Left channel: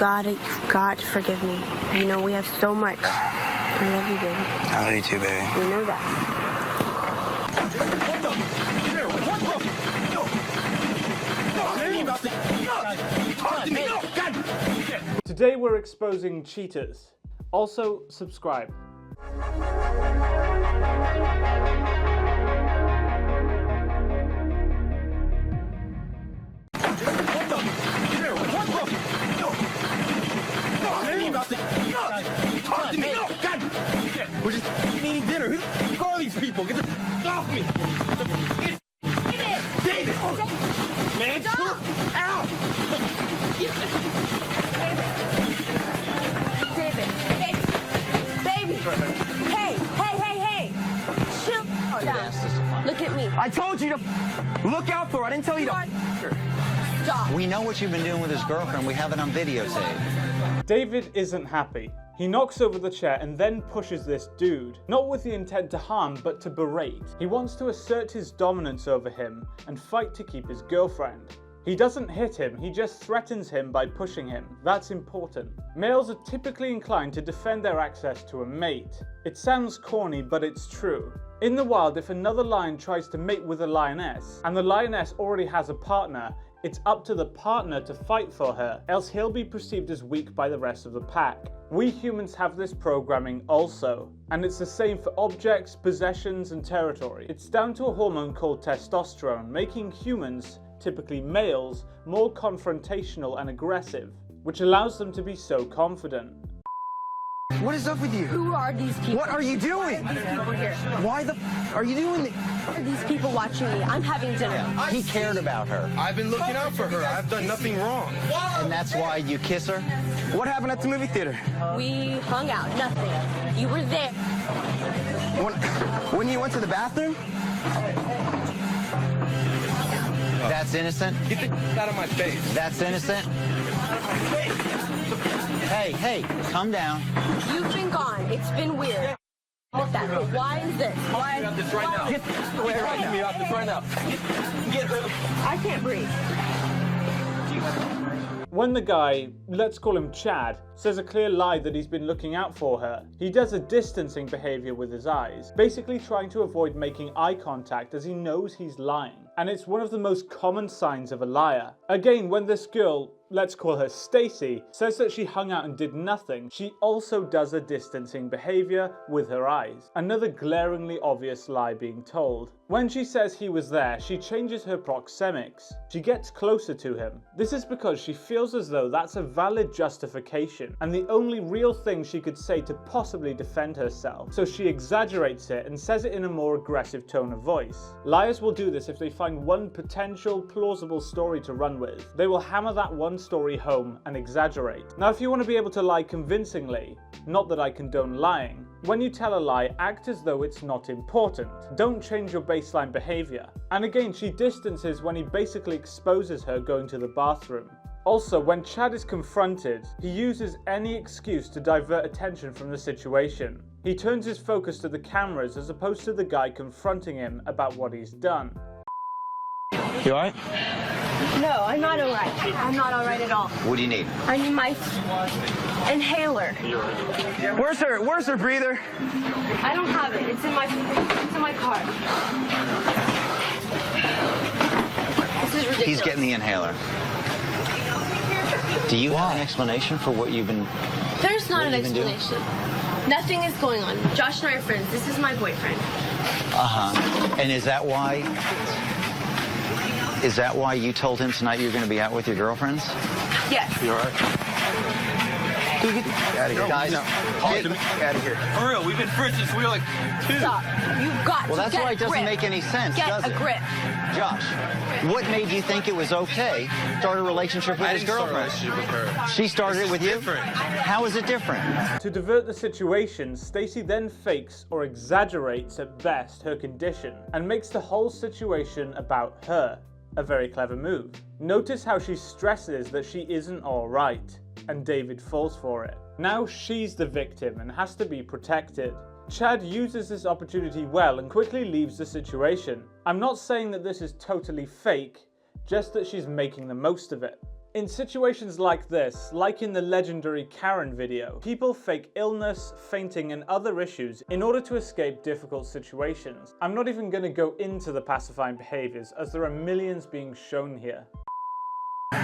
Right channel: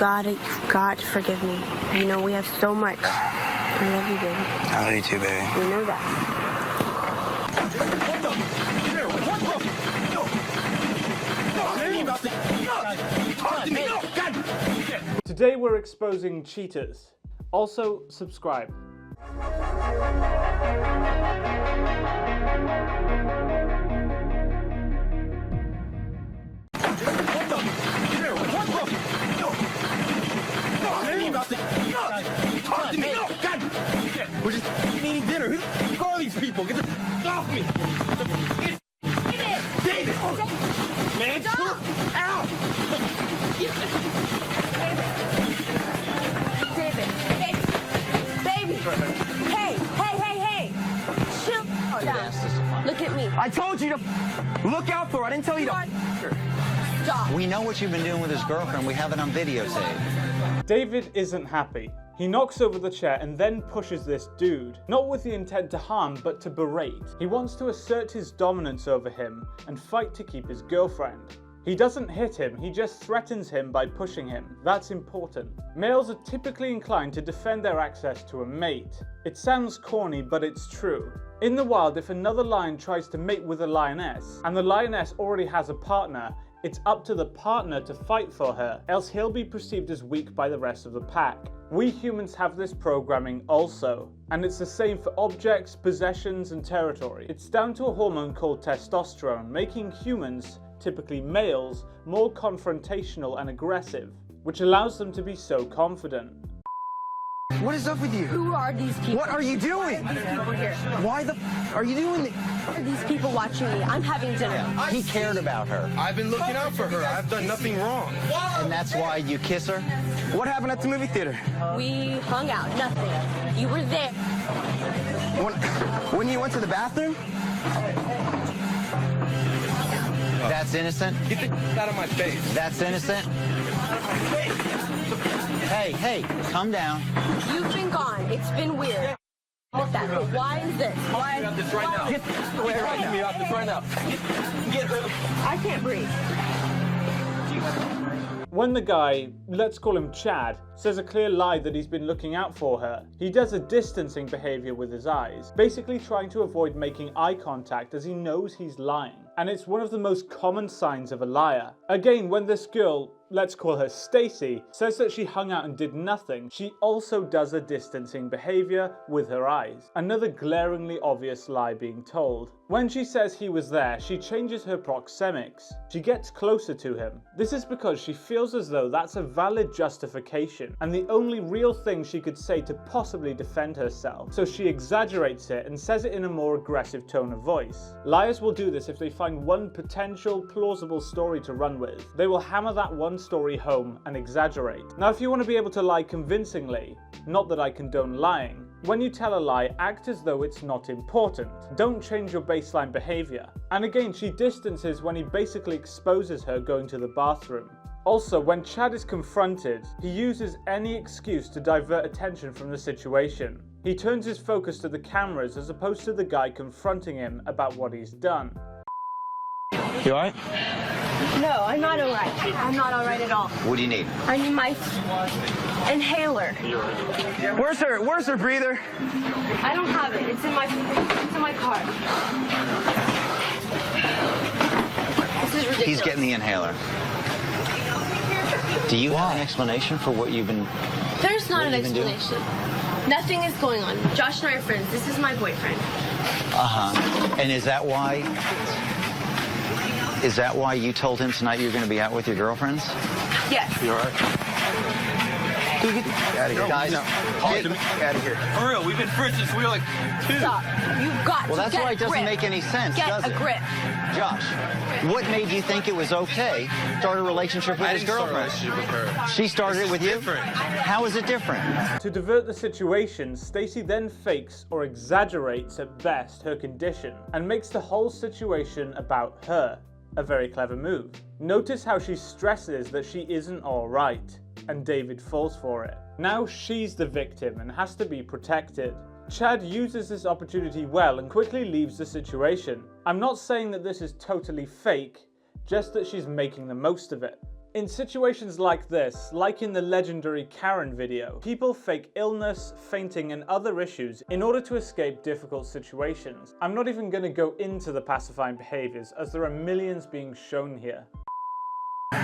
you've got to forgive me. You know, we have so much. I love you, baby. I love you too, baby. You know that. Today we're exposing cheaters. Also, subscribe. We're just eating dinner. Who are these people? Get the off me! David! Man, stop! Ow! David. Baby. Hey. Chill down. Look at me. I told you to look out for her. I didn't tell you to. Stop. We know what you've been doing with his girlfriend. We have it on videotape. David isn't happy. He knocks over the chair and then pushes this dude, not with the intent to harm, but to berate. He wants to assert his dominance over him and fight to keep his girlfriend. He doesn't hit him, he just threatens him by pushing him. That's important. Males are typically inclined to defend their access to a mate. It sounds corny, but it's true. In the wild, if another lion tries to mate with a lioness, and the lioness already has a partner, it's up to the partner to fight for her, else he'll be perceived as weak by the rest of the pack. We humans have this programming also, and it's the same for objects, possessions, and territory. It's down to a hormone called testosterone, making humans, typically males, more confrontational and aggressive, which allows them to be so confident. What is up with you? Who are these people? What are you doing? Why are these people here? Why the are you doing this? Why are these people watching me? I'm having dinner. He cared about her, I've been looking out for her. I've done nothing wrong. and that's why you kiss her? What happened at the movie theater? We hung out. Nothing. You were there. When you went to the bathroom? That's innocent? Get the out of my face. That's innocent? Hey, calm down. You've been gone. It's been weird. But why is this? Why? Get this right now. Get away right now. Get me off this right now. Get her. I can't breathe. When the guy, let's call him Chad, says a clear lie that he's been looking out for her, he does a distancing behavior with his eyes, basically trying to avoid making eye contact as he knows he's lying. And it's one of the most common signs of a liar. Again, when this girl, let's call her Stacy, says that she hung out and did nothing, she also does a distancing behavior with her eyes. Another glaringly obvious lie being told. When she says he was there, she changes her proxemics. She gets closer to him. This is because she feels as though that's a valid justification and the only real thing she could say to possibly defend herself. So she exaggerates it and says it in a more aggressive tone of voice. Liars will do this if they find one potential plausible story to run with. They will hammer that one story home and exaggerate. Now, if you want to be able to lie convincingly, not that I condone lying, when you tell a lie, act as though it's not important. Don't change your baseline behavior. And again, she distances when he basically exposes her going to the bathroom. Also, when Chad is confronted, he uses any excuse to divert attention from the situation. He turns his focus to the cameras as opposed to the guy confronting him about what he's done. You alright? No, I'm not alright. I'm not alright at all. What do you need? I need my inhaler. Where's her breather? I don't have it. It's in my car. This is ridiculous. He's getting the inhaler. Do you have an explanation for what you've been... There's not an What have you been doing? explanation. Nothing is going on. Josh and I are friends. This is my boyfriend. And is that why... Is that why you told him tonight you're going to be out with your girlfriends? Yes. You alright? Dude, get out of here. Guys, Get out of here. For real, we've been friends since we were like 2. Stop. You've got Well, to that's get why a it doesn't grip. make any sense, Get does a it? grip. Josh, what made you think it was okay to start a relationship with I his didn't start a girlfriend? relationship with her. She started it with you? different. How is it different? To divert the situation, Stacy then fakes or exaggerates at best her condition and makes the whole situation about her. A very clever move. Notice how she stresses that she isn't alright, and David falls for it. Now she's the victim and has to be protected. Chad uses this opportunity well and quickly leaves the situation. I'm not saying that this is totally fake, just that she's making the most of it. In situations like this, like in the legendary Karen video, people fake illness, fainting and other issues in order to escape difficult situations. I'm not even going to go into the pacifying behaviors as there are millions being shown here.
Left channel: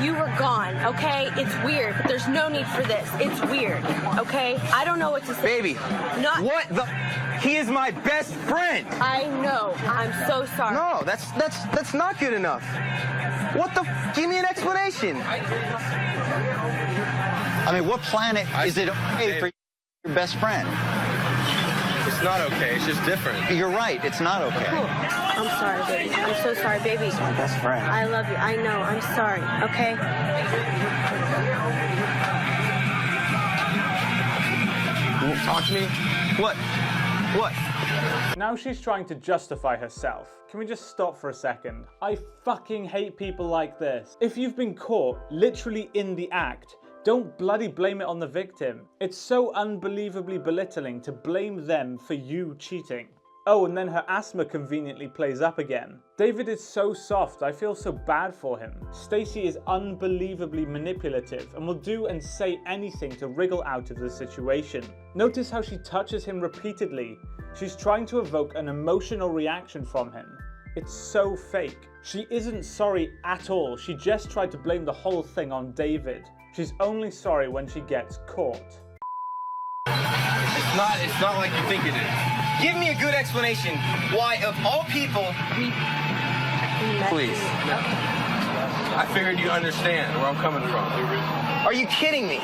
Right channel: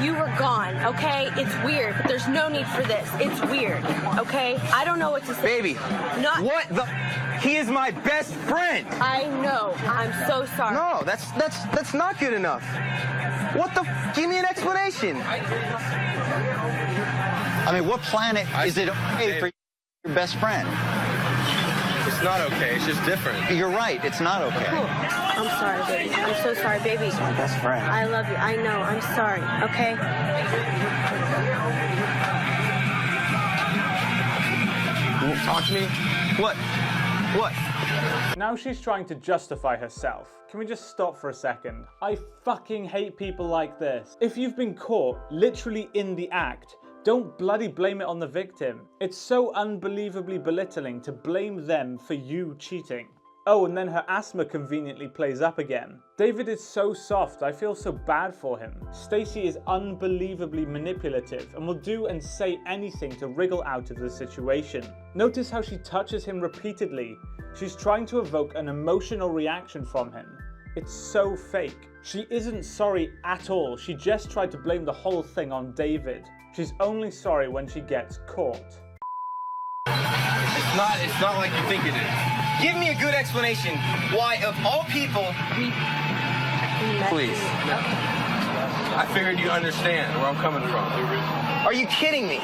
You were gone, okay? It's weird, but there's no need for this. It's weird, okay? I don't know what to say. Baby, Not. what the? He is my best friend. I know. I'm so sorry. No, that's not good enough. What the? Give me an explanation. I mean, what planet is it okay for your best friend? It's not okay. It's just different. You're right. It's not okay. Cool. I'm sorry, baby. I'm so sorry, baby. He's my best friend. I love you. I know. I'm sorry, okay? Talk to me. What? What? Now she's trying to justify herself. Can we just stop for a second? I fucking hate people like this. If you've been caught literally in the act, don't bloody blame it on the victim. It's so unbelievably belittling to blame them for you cheating. Oh, and then her asthma conveniently plays up again. David is so soft, I feel so bad for him. Stacey is unbelievably manipulative and will do and say anything to wriggle out of the situation. Notice how she touches him repeatedly. She's trying to evoke an emotional reaction from him. It's so fake. She isn't sorry at all. She just tried to blame the whole thing on David. She's only sorry when she gets caught. It's not like you think it is. Give me a good explanation why, of all people, Please. I figured you understand where I'm coming from. are you kidding me?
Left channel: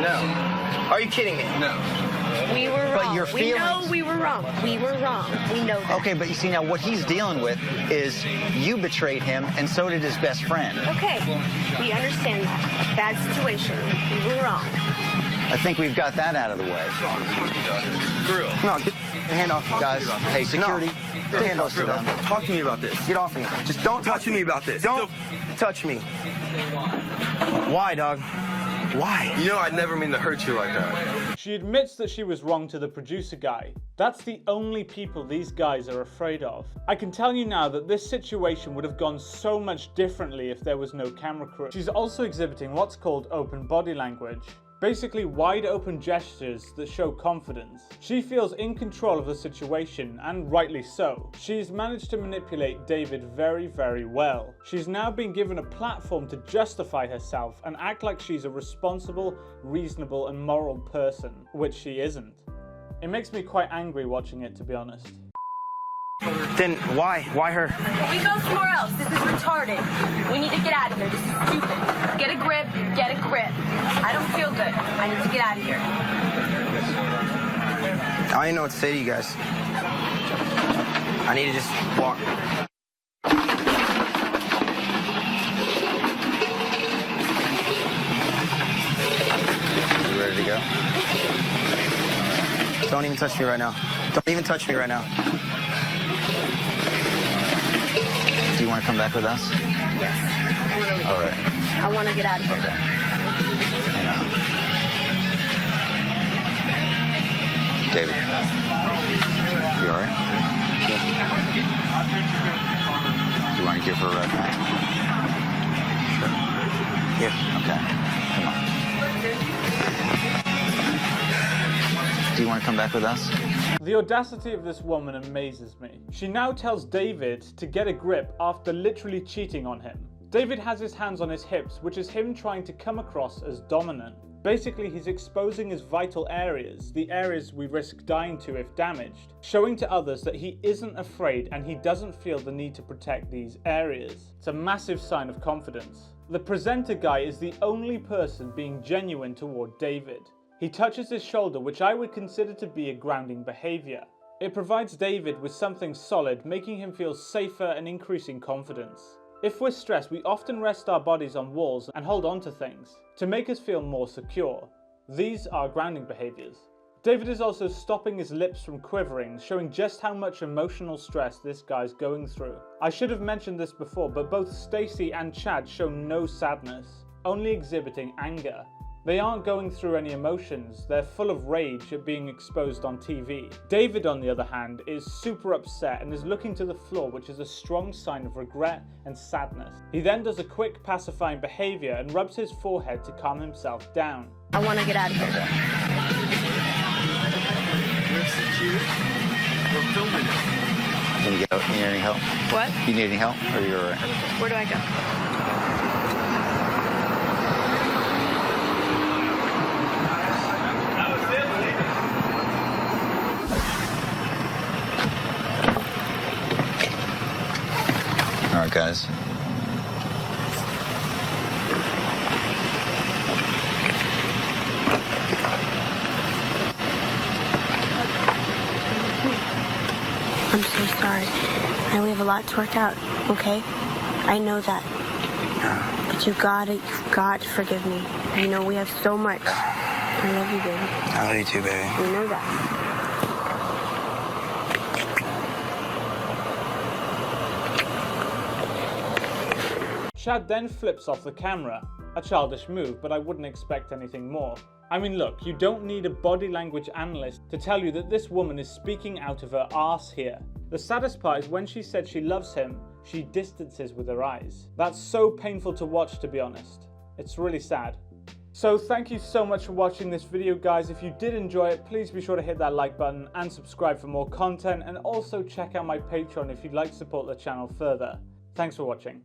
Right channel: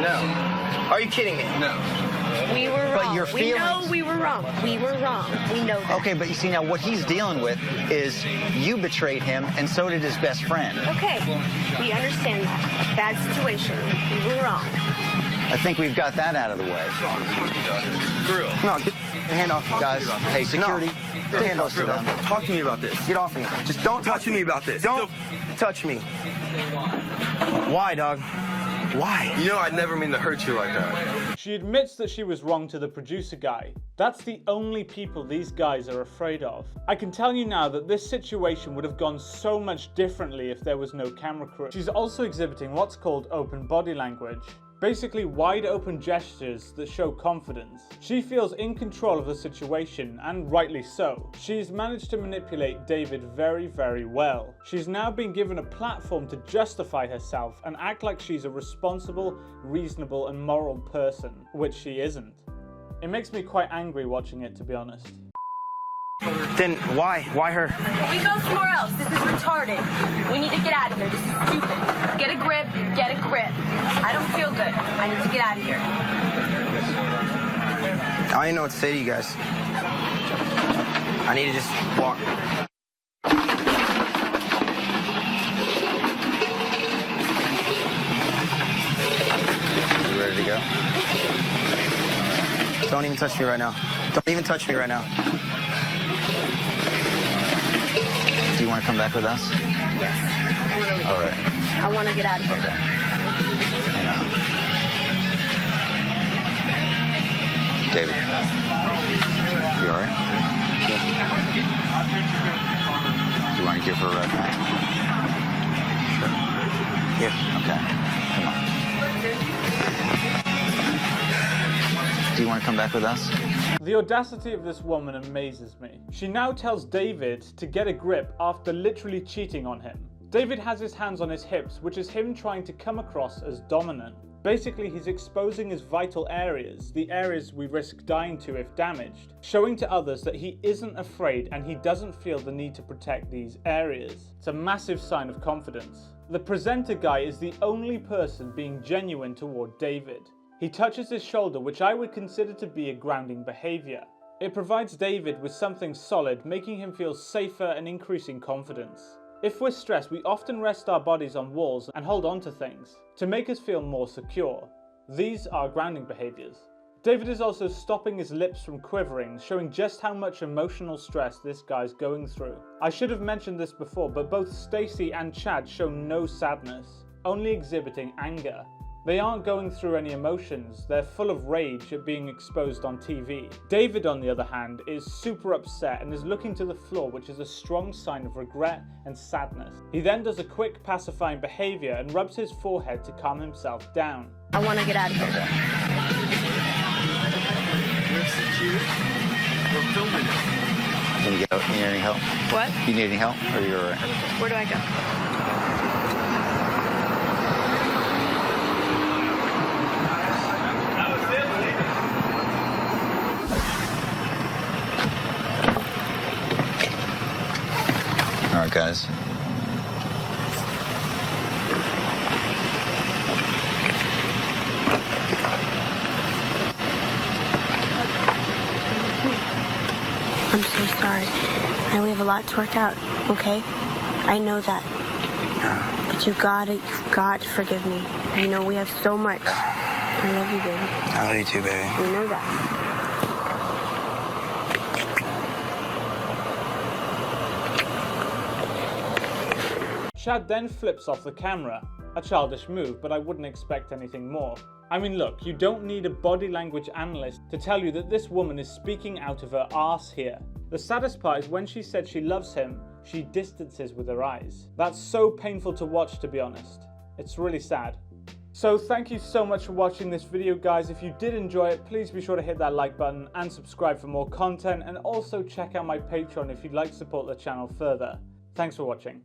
No. Are you kidding me? No. We were wrong. But your We know feelings- we were wrong. We were wrong. We know that. Okay, but you see now what he's dealing with is you betrayed him and so did his best friend. Okay. We understand that. Bad situation. We were wrong. I think we've got that out of the way. Grill. No, get the hand off, Guys, hey, security, Get the hand off, close to them. Talk to me about this. Get off me. Just don't talk to me about this. Don't touch me. Why, dog? Why? You know I'd never mean to hurt you like that. She admits that she was wrong to the producer guy. That's the only people these guys are afraid of. I can tell you now that this situation would have gone so much differently if there was no camera crew. She's also exhibiting what's called open body language. Basically wide open gestures that show confidence. She feels in control of the situation, and rightly so. She's managed to manipulate David very, very well. She's now been given a platform to justify herself and act like she's a responsible, reasonable and moral person, which she isn't. It makes me quite angry watching it, to be honest. Then why? Why her? We go somewhere else. This is retarded. We need to get out of here. This is stupid. Get a grip. Get a grip. I don't feel good. I need to get out of here. I don't even know what to say to you guys. I need to just walk. You ready to go? Don't even touch me right now. Don't even touch me right now. Do you want to come back with us? Yes. All right. I want to get out of here. Hang on. David. You all right? You want to give her a ride back? Sure. Here. Okay. Come on. Do you want to come back with us? The audacity of this woman amazes me. She now tells David to get a grip after literally cheating on him. David has his hands on his hips, which is him trying to come across as dominant. Basically, he's exposing his vital areas, the areas we risk dying to if damaged, showing to others that he isn't afraid and he doesn't feel the need to protect these areas. It's a massive sign of confidence. The presenter guy is the only person being genuine toward David. He touches his shoulder, which I would consider to be a grounding behavior. It provides David with something solid, making him feel safer and increasing confidence. If we're stressed, we often rest our bodies on walls and hold on to things to make us feel more secure. These are grounding behaviors. David is also stopping his lips from quivering, showing just how much emotional stress this guy's going through. I should have mentioned this before, but both Stacey and Chad show no sadness, only exhibiting anger. They aren't going through any emotions, they're full of rage at being exposed on TV. David, on the other hand, is super upset and is looking to the floor, which is a strong sign of regret and sadness. He then does a quick pacifying behavior and rubs his forehead to calm himself down. I want to get out of here. We're filming it. Can you get out? You need any help? What? You need any help? Or you're all right? Where do I go? All right, guys. I'm so sorry. I know we have a lot to work out, okay? I know that. But you've got to forgive me. You know, we have so much. I love you, baby. I love you too, baby. You know that. Chad then flips off the camera. A childish move, but I wouldn't expect anything more. I mean, look, you don't need a body language analyst to tell you that this woman is speaking out of her arse here. The saddest part is when she said she loves him, she distances with her eyes. That's so painful to watch, to be honest. It's really sad. So thank you so much for watching this video, guys. If you did enjoy it, please be sure to hit that like button and subscribe for more content, and also check out my Patreon if you'd like to support the channel further. Thanks for watching.